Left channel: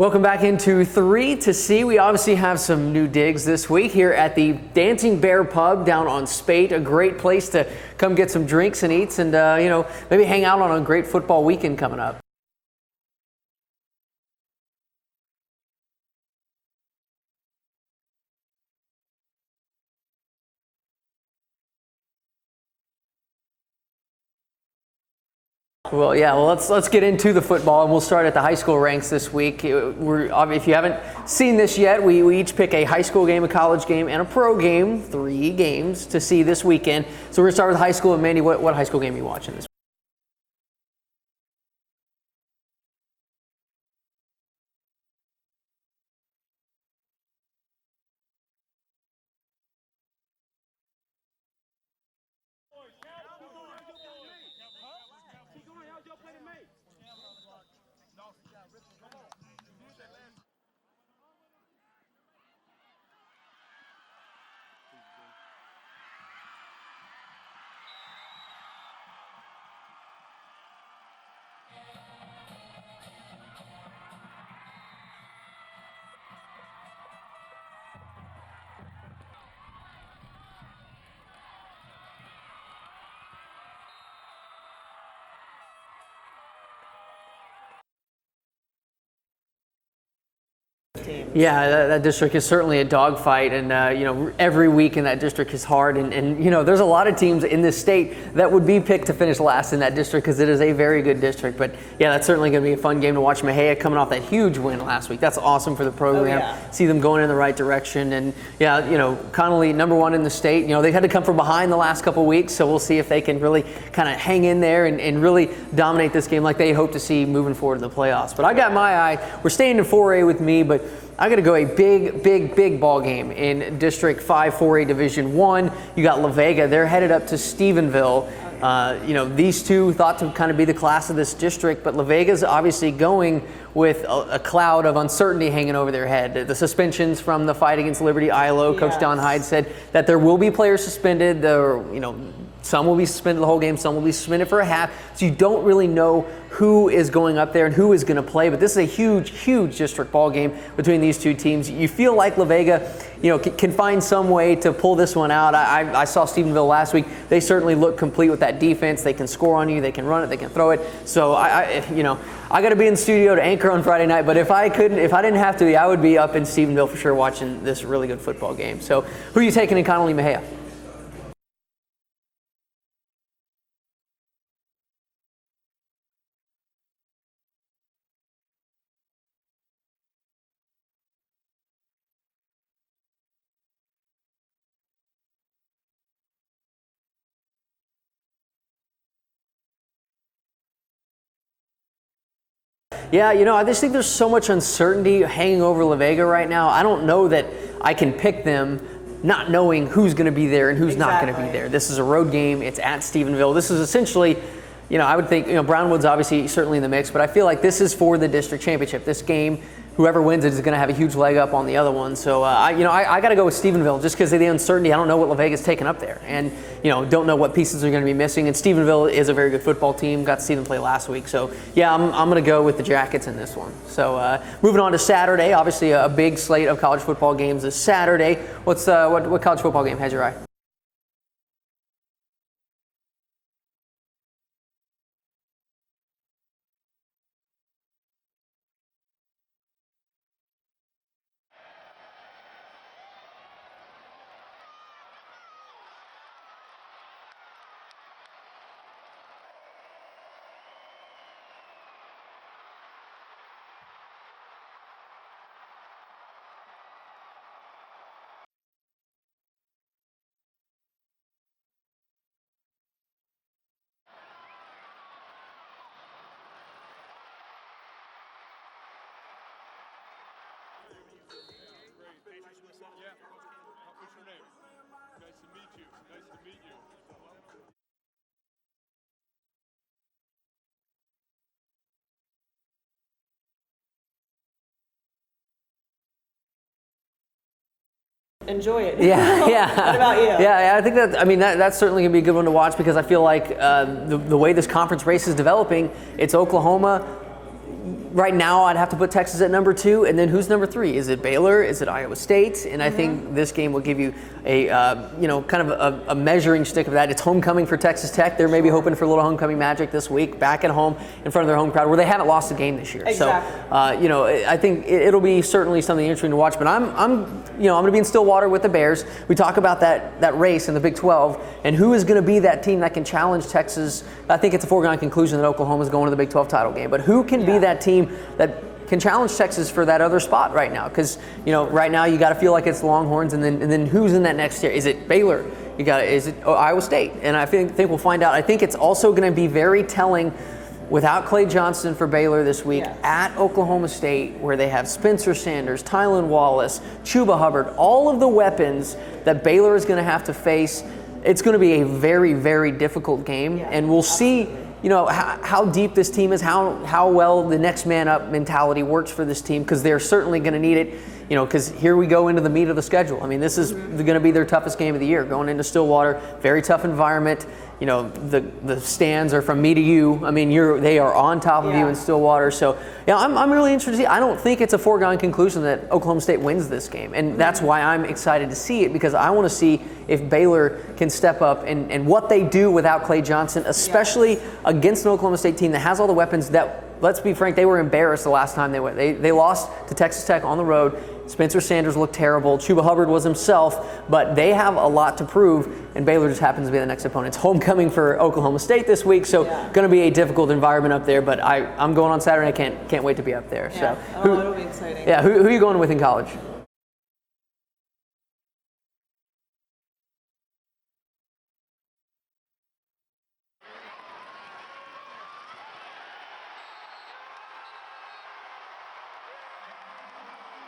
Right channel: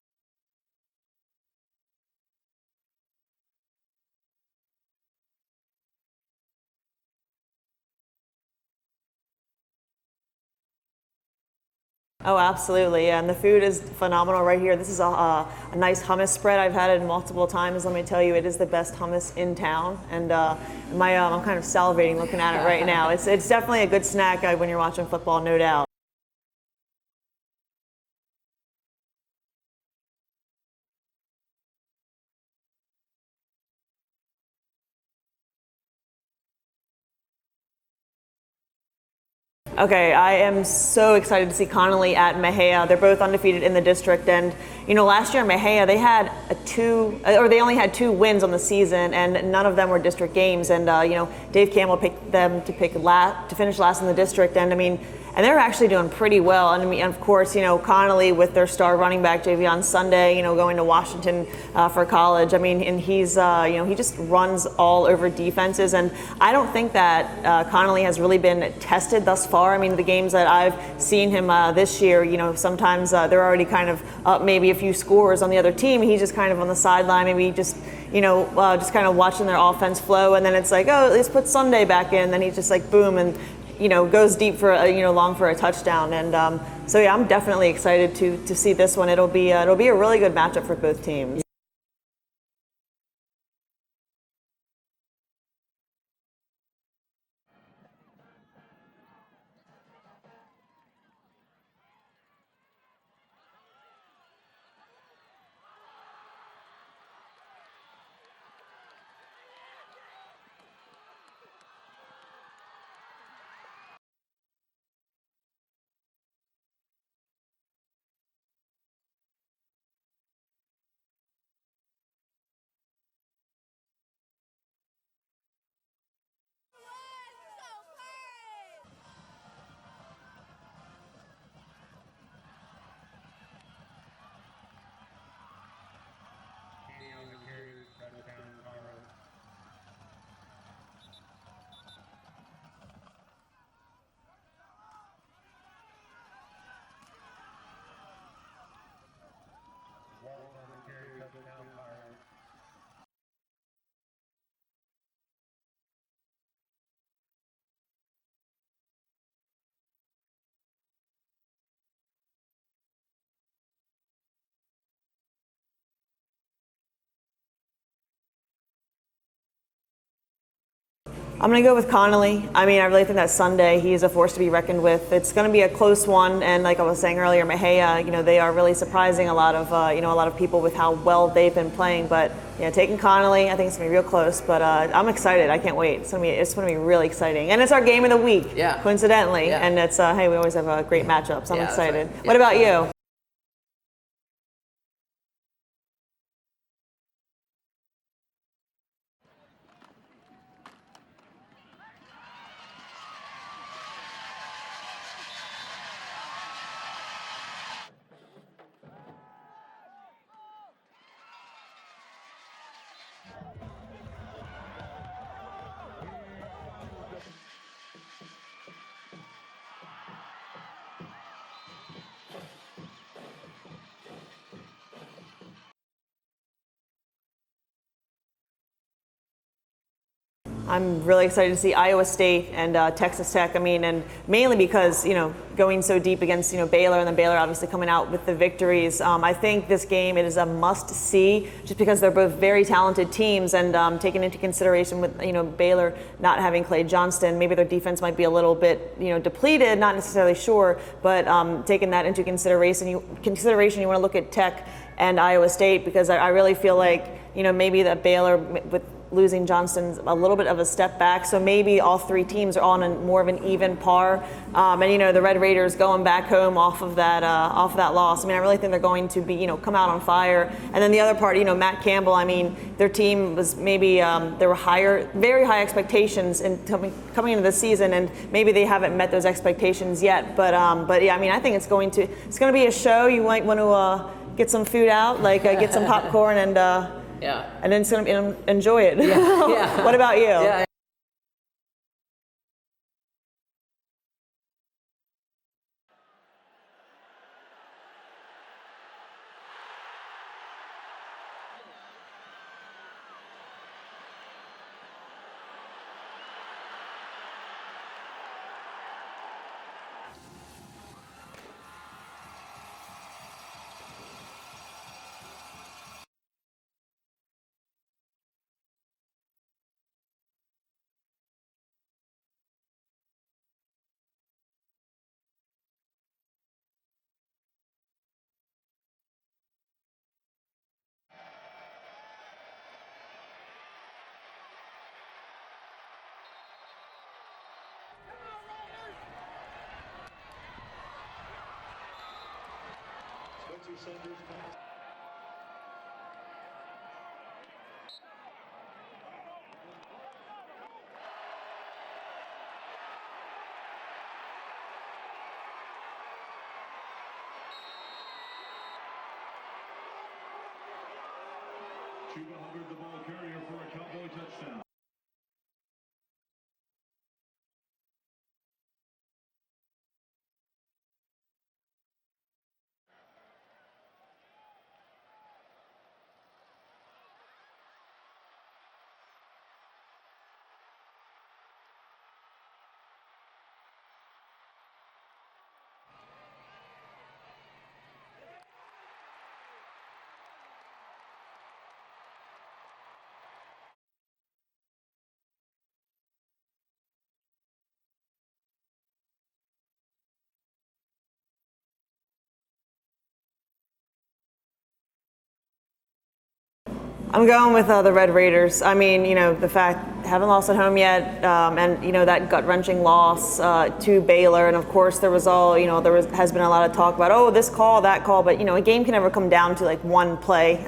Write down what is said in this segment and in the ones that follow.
Welcome back into 3 to See. We obviously have some new digs this week here at the Dancing Bear Pub down on Spate. A great place to come get some drinks and eats and, maybe hang out on a great football weekend coming up. Oh, absolutely. And the food is phenomenal right here. This is a nice hummus spread. I've had it multiple times. Let me tell you, it is the best hummus in town. And I'm kind of salivating looking at it right now. It's definitely a good snack when you're watching football, no doubt. Well, let's get into the football, and we'll start at the high school ranks this week. If you haven't seen this yet, we each pick a high school game, a college game, and a pro game, 3 games to see this weekend. So we're going to start with high school. And Mandy, what high school game are you watching this week? Okay, I am so excited to see Connolly at Mexia. They're both undefeated in the district, and last year Mexia they only had 2 wins on the season, and none of them were district games. And Dave Campbell picked them to finish last in the district, and they're actually doing pretty well. And of course, Connolly with their star running back Javion Sunday, going to Washington for college. And he's he just runs all over defenses, and I don't think that Connolly has really been tested thus far. The games that I've seen him this year, sometimes they're already kind of up maybe a few scores on the other team. He's just kind of on the sideline, maybe just kind of watching their offense flow, and then it's like, oh, let's put Sunday back in. And then he's just like boom, and goes deep for long for a touchdown. And I'm definitely excited to see this one. It'll be a really good matchup for both teams. Yeah, that district is certainly a dogfight, and every week in that district is hard. And there's a lot of teams in this state that would be picked to finish last in that district because it is a very good district. But yeah, that's certainly going to be a fun game to watch. Mexia coming off that huge win last week. That's awesome for the program. Oh, yeah. See them going in the right direction. And Connolly #1 in the state. They've had to come from behind the last couple weeks, so we'll see if they can really kind of hang in there and really dominate this game like they hope to see moving forward in the playoffs. But I got my eye. We're staying in 4A with me, but I got to go a big ball game in District 5 4A Division 1. You got La Vega. They're headed up to Stephenville. These two thought to kind of be the class of this district, but La Vega's obviously going with a cloud of uncertainty hanging over their head. The suspensions from the fight against Liberty ILO, Coach Don Hyde said that there will be players suspended. Some will be suspended the whole game, some will be suspended for a half. So you don't really know who is going up there and who is going to play. But this is a huge district ball game between these two teams. You feel like La Vega, can find some way to pull this one out. I saw Stephenville last week. They certainly look complete with that defense. They can score on you, they can run it, they can throw it. So I got to be in the studio to anchor on Friday night. But if I didn't have to be, I would be up in Stephenville for sure watching this really good football game. So who are you taking in Connolly Mexia? I'm going to go with Connolly. I really think that Sunday, he's a force to be reckoned with. It's going to be a close one, and like I was saying earlier, Mexia, they are really surprising a lot of people with how well they've been playing. But taking Connolly, I think it's going to be real close. But I'm excited. I can't wait. It's going to be really exciting, and it's our game of the week. Yeah. Coincidentally, yeah. And it's we always have great matchups. I'm excited. Right. What about you? Yeah, I just think there's so much uncertainty hanging over La Vega right now. I don't know that I can pick them, not knowing who's going to be there and who's not going to be there. This is a road game. It's at Stephenville. This is essentially, I would think, Brownwood's obviously certainly in the mix, but I feel like this is for the district championship. This game, whoever wins it is going to have a huge leg up on the other one. So, I got to go with Stephenville just because of the uncertainty. I don't know what La Vega's taken up there, and don't know what pieces are going to be missing. And Stephenville is a very good football team. Got to see them play last week. So, yeah, I'm going to go with the Jackets in this one. So, moving on to Saturday, obviously a big slate of college football games this Saturday. What college football game has your eye? I'm really excited to see Iowa State and Texas Tech. And mainly because, going so deep against, Baylor, and then Baylor obviously coming out with the victories. I think this game, it is a must-see just because they're both very talented teams, and taking into consideration with, Baylor not having Clay Johnston, maybe their defense might be a little bit, depleted, not necessarily sure, but taking that into consideration, you want to look at Tech and Iowa State, because I really feel like, maybe that Baylor with losing Johnston's a little bit of a step back, so maybe all 3 teams are on more of an even par. And the Red Raiders going back home off of that loss. I really think they're going to be come out on fire. And then the other part, Matt Campbell. Their team was maybe there were very high expectations in coming into the season, and maybe they haven't met those expectations yet. But yeah, I think it's going to be a show. You might want to get some food out, get some popcorn and. Yeah. And then enjoy it. Yeah. What about you? Yeah, I think that's certainly going to be a good one to watch, because I feel like the way this conference race is developing, it's Oklahoma, right now I'd have to put Texas at number 2, and then who's number 3? Is it Baylor? Is it Iowa State? And I think this game will give you a kind of a measuring stick of that. It's homecoming for Texas Tech. They're maybe hoping for a little homecoming magic this week, back at home in front of their home crowd, where they haven't lost a game this year. Exactly. So I think it'll be certainly something interesting to watch. But I'm going to be in Stillwater with the Bears. We talk about that race in the Big 12 and who is going to be that team that can challenge Texas. I think it's a foregone conclusion that Oklahoma's going to the Big 12 title game. But who can be that team that can challenge Texas for that other spot right now? Because right now you got to feel like it's the Longhorns, and then who's in that next tier? Is it Baylor? Is it Iowa State? And I think we'll find out. I think it's also going to be very telling without Clay Johnson for Baylor this week at Oklahoma State, where they have Spencer Sanders, Tylan Wallace, Chuba Hubbard, all of the weapons that Baylor is going to have to face. It's going to be a very, very difficult game, and we'll see how deep this team is, how well the next man up mentality works for this team, because they're certainly going to need it, because here we go into the meat of the schedule. I mean, this is going to be their toughest game of the year, going into Stillwater, very tough environment. The stands are from me to you. I mean, they are on top of you in Stillwater. So, I'm really interested to see. I don't think it's a foregone conclusion that Oklahoma State wins this game. And that's why I'm excited to see it, because I want to see if Baylor can step up and what they do without Clay Johnson, especially against an Oklahoma State team that has all the weapons that, let's be frank, they were embarrassed the last time they went. They lost to Texas Tech on the road. Spencer Sanders looked terrible. Chuba Hubbard was himself, but they have a lot to prove, and Baylor just happens to be the next opponent. It's homecoming for Oklahoma State this week, so going to be a difficult environment up there, but I'm going on Saturday. I can't wait to be up there. Yeah. So, it'll be exciting. Yeah, who are you going with in college? I'm going with the Red Raiders. I mean, the fact haven't lost at home yet, and that gut-wrenching loss to Baylor, and of course there was has been a lot of talk about this call, that call, but a game can never come down to like one play.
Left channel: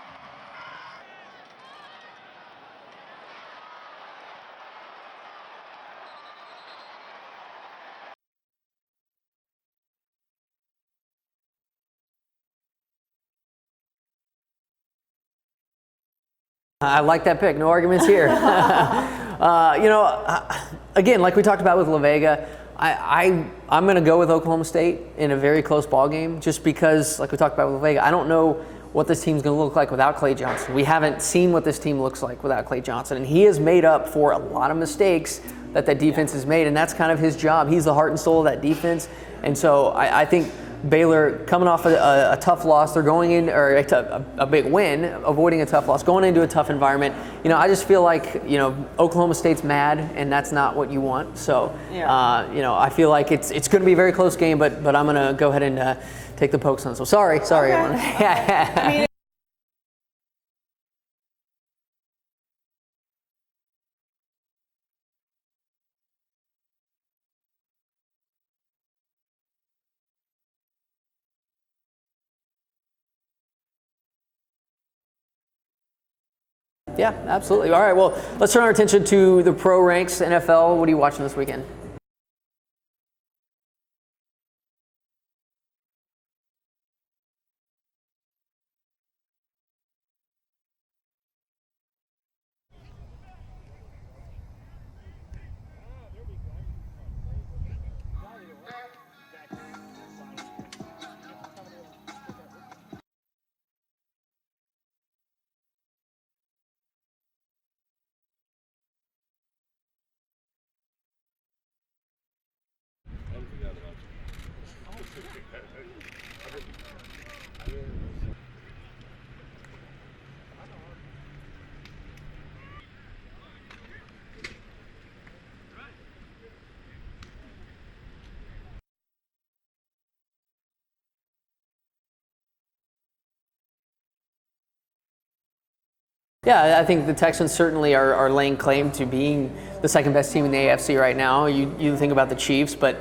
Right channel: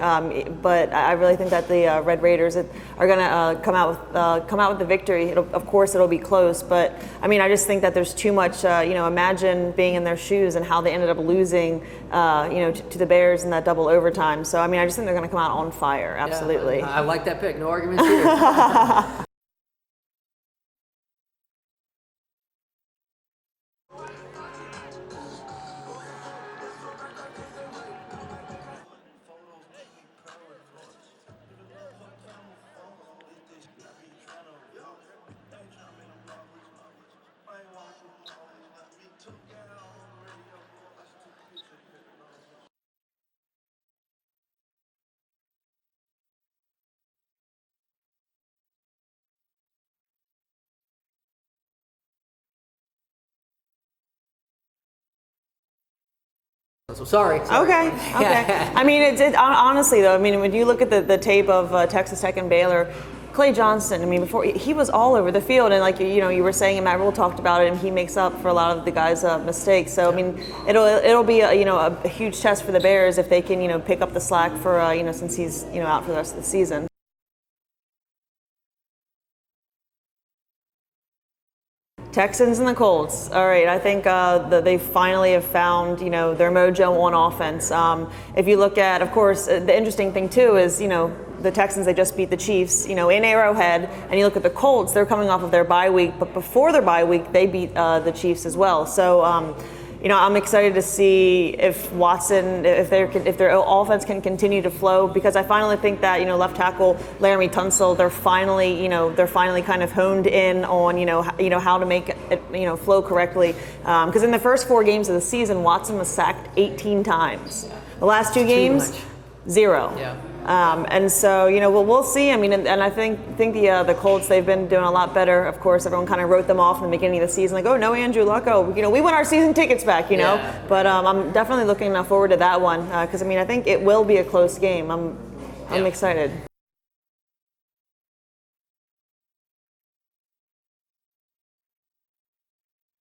But I really think that the Red Raiders are going to come out with the victory. Of course it'll be close, but I mean I just think that there's too much. Imagine being in their shoes and how they ended up losing. To the Bears in that double overtime. So, I mean, I just think they're going to come out on fire. Absolutely. Yeah. I like that pick. No arguments here. Again, like we talked about with La Vega, I'm going to go with Oklahoma State in a very close ball game, just because, like we talked about with La Vega, I don't know what this team's going to look like without Clay Johnson. We haven't seen what this team looks like without Clay Johnson, and he has made up for a lot of mistakes that defense has made, and that's kind of his job. He's the heart and soul of that defense, and so I think Baylor, coming off a tough loss, they're going in, or a big win, avoiding a tough loss, going into a tough environment. I just feel like, Oklahoma State's mad, and that's not what you want. So, I feel like it's going to be a very close game, but I'm going to go ahead and take the pokes on. So sorry. Okay. I mean, honestly though, I mean, when you look at the tape of Texas Tech and Baylor, Clay Johnson, I mean, before he was all over the field, and like you were saying, and Matt Rule talked about it, and he makes up for a lot of the guys' mistakes. So I mean, it'll be a huge test for the Bears if they can pick up the slack for since he's out for the rest of the season. Yeah, absolutely. All right, well, let's turn our attention to the pro ranks, NFL. What are you watching this weekend? Texans and the Colts. All right, I think they finally have found their mojo on offense. If you look at, of course, the interesting thing too is the Texans, they just beat the Chiefs, in Arrowhead, and you look at the Colts, they're coming off of their bye week, but before their bye week, they beat the Chiefs as well. So, I'm excited to see if Watson, if their offense can continue to flow, because I finally think that left tackle Laramie Tunsil, they're finally kind of honed in on how to make it flow correctly. Because in the first 4 games of the season, Watson was sacked 18 times. The last 2 games, 0. Yeah. And so, we'll see. I mean, and I think the Colts, they've been doing a lot better. Of course, everyone kind of wrote them off in the beginning of the season, like, oh, no Andrew Luck, we want our season tickets back, Yeah. But I'm definitely looking forward to that one, because I think it will be a close game. I'm excited. Yeah, I think the Texans certainly are laying claim to being the second best team in the AFC right now. You think about the Chiefs, but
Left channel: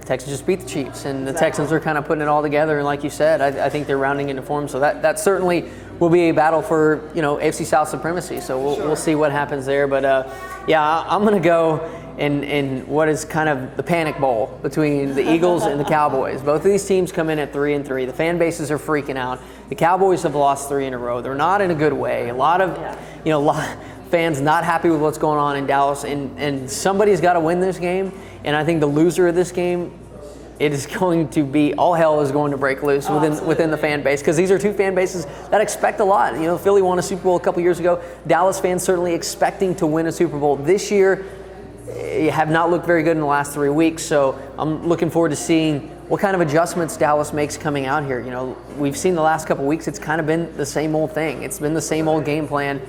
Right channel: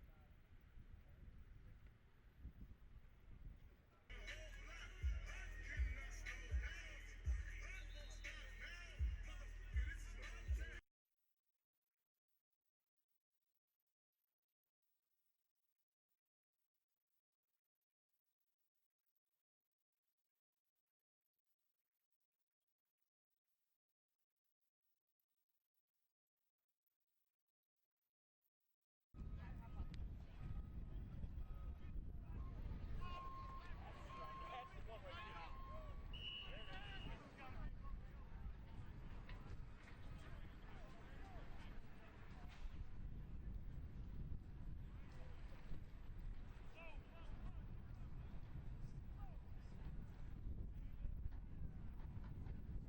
the Texans just beat the Chiefs, and the Texans are kind of putting it all together. And like you said, I think they're rounding into form. So that certainly will be a battle for AFC South supremacy. So we'll see what happens there. But I'm going to go in what is kind of the panic bowl between the Eagles and the Cowboys. Both of these teams come in at 3-3. The fan bases are freaking out. The Cowboys have lost 3 in a row. They're not in a good way. A lot of fans not happy with what's going on in Dallas, and somebody's got to win this game. And I think the loser of this game it is going to be, all hell is going to break loose within the fan base, because these are two fan bases that expect a lot. You know, Philly won a Super Bowl a couple years ago. Dallas fans certainly expecting to win a Super Bowl this year. You have not looked very good in the last 3 weeks, so I'm looking forward to seeing what kind of adjustments Dallas makes coming out here. You know, we've seen the last couple weeks, it's kind of been the same old thing. It's been the same old game plan,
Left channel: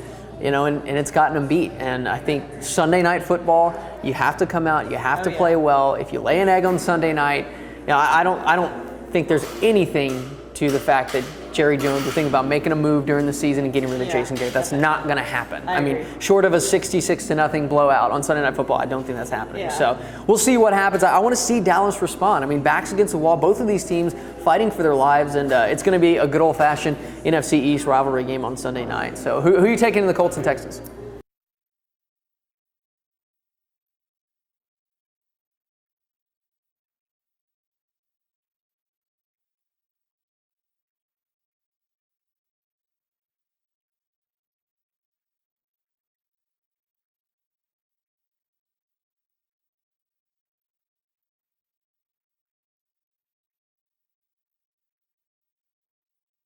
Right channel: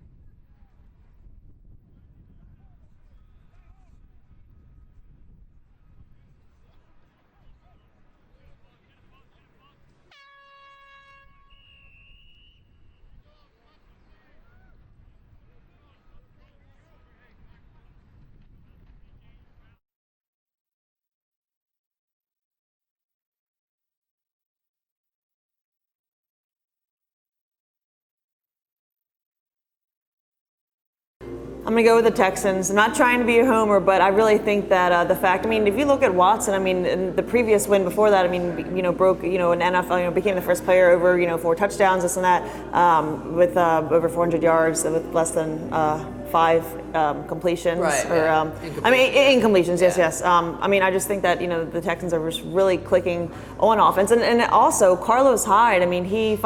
you know, and it's gotten them beat. And I think Sunday Night Football, you have to come out, you have to play well. If you lay an egg on Sunday night, you know, I don't think there's anything to the fact that Jerry Jones will think about making a move during the season and getting rid of Jason Garrett. That's not going to happen. I mean, short of a 66-0 blowout on Sunday Night Football, I don't think that's happening. Yeah. So we'll see what happens. I want to see Dallas respond. I mean, backs against the wall, both of these teams fighting for their lives, and it's going to be a good old-fashioned NFC East rivalry game on Sunday night. So who are you taking in the Colts and Texans? I'm going to go with the Texans. I'm not trying to be a homer, but I really think that the fact, I mean, if you look at Watson, I mean, in the previous win before that, I mean, you know, broke, you know, an NFL, you know, became the first player over, you know, 4 touchdowns, this and that, with over 400 yards, with less than 5 completions. Right. Or, I mean, incompletions, yes. I mean, I just think that, you know, the Texans are just really clicking on offense. And also, Carlos Hyde, I mean, he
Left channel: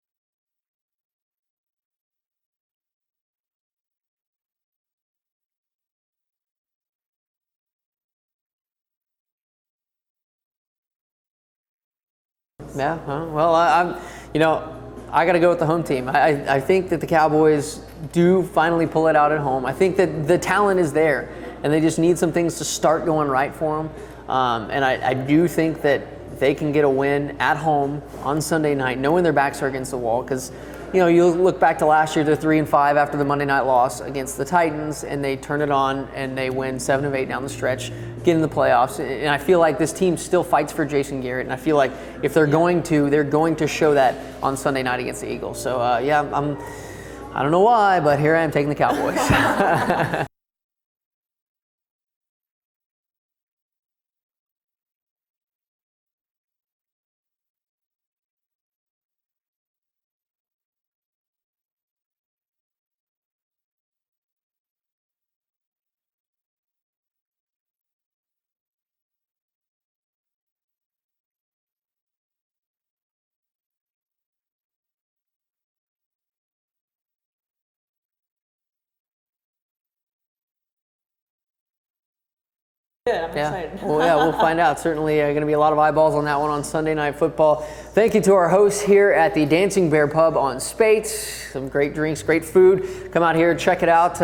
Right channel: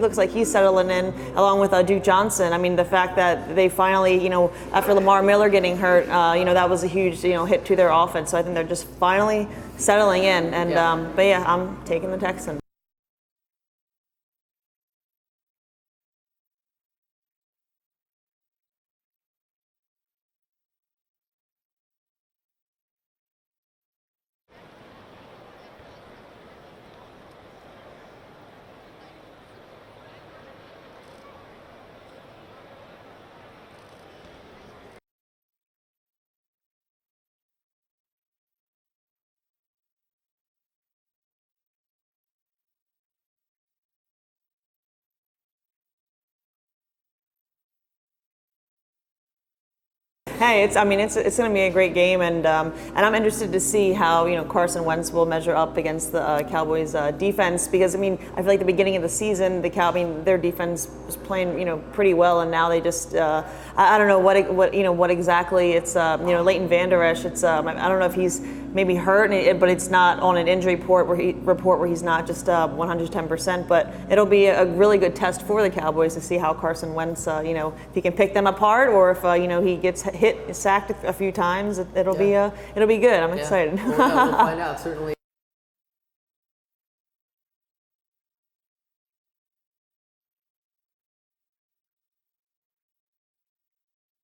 looks like he's settling in along with Duke Johnson. I mean, the fact that they finally, you know, after Lamar Miller getting hurt, you know, that was a huge, you know, hit to their offense. So I think they're just finally settling in. And, but yeah, I'm taking the Texans. Yeah, well, I'm, you know, I got to go with the home team. I think that the Cowboys do finally pull it out at home. I think that the talent is there, and they just need some things to start going right for them. And I do think that they can get a win at home on Sunday night, knowing their backs are against the wall. Because, you know, you look back to last year, they're 3-5 after the Monday night loss against the Titans, and they turn it on and they win 7 of 8 down the stretch, get in the playoffs. And I feel like this team still fights for Jason Garrett, and I feel like if they're going to show that on Sunday night against the Eagles. So yeah, I don't know why, but here I am taking the Cowboys. Hey, it's going to be a great game, and I'm interested to see how, you know, Carson Wentz will measure up against the Cowboys defense, because I mean, I feel like the beginning of the season, their defense was playing, you know, pretty well, and now they just I don't know what exactly it's you know, Leighton Vander Esch, it's I don't know if he's maybe hurt, but it's not on an injury report where he's not just 110%. But it'll be a really good test for the Cowboys to see how Carson Wentz, you know, if he can pick them apart, or if you know, he gets sacked a few times. It'll be good. I'm excited. Well, yeah, we'll find out. Certainly going to be a lot of eyeballs on that one on Sunday Night Football. Thank you to our hosts here at the Dancing Bear Pub on Spates. Some great drinks, great food. Come out here, check it out.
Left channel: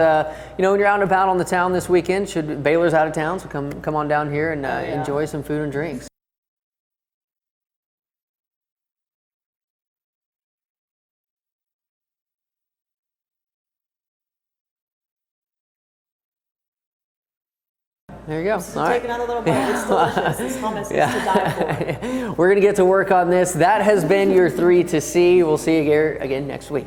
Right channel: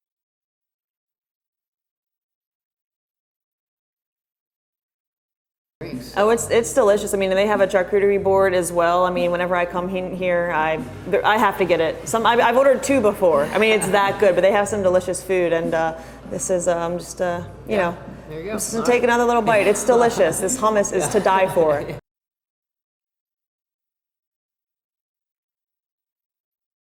You know, when you're out and about on the town this weekend, Baylor's out of town, so come on down here and enjoy some food and drinks. Oh, it's delicious. I mean, they have a charcuterie board as well. I mean, whenever I come here, I have to get it. I've ordered 2 before. I mean, it's that good. But they have some delicious food, and this is just you know. There you go. Just take another little bite. It's delicious. This hummus is to die for. We're gonna get to work on this. That has been your 3 to See. We'll see you here again next week.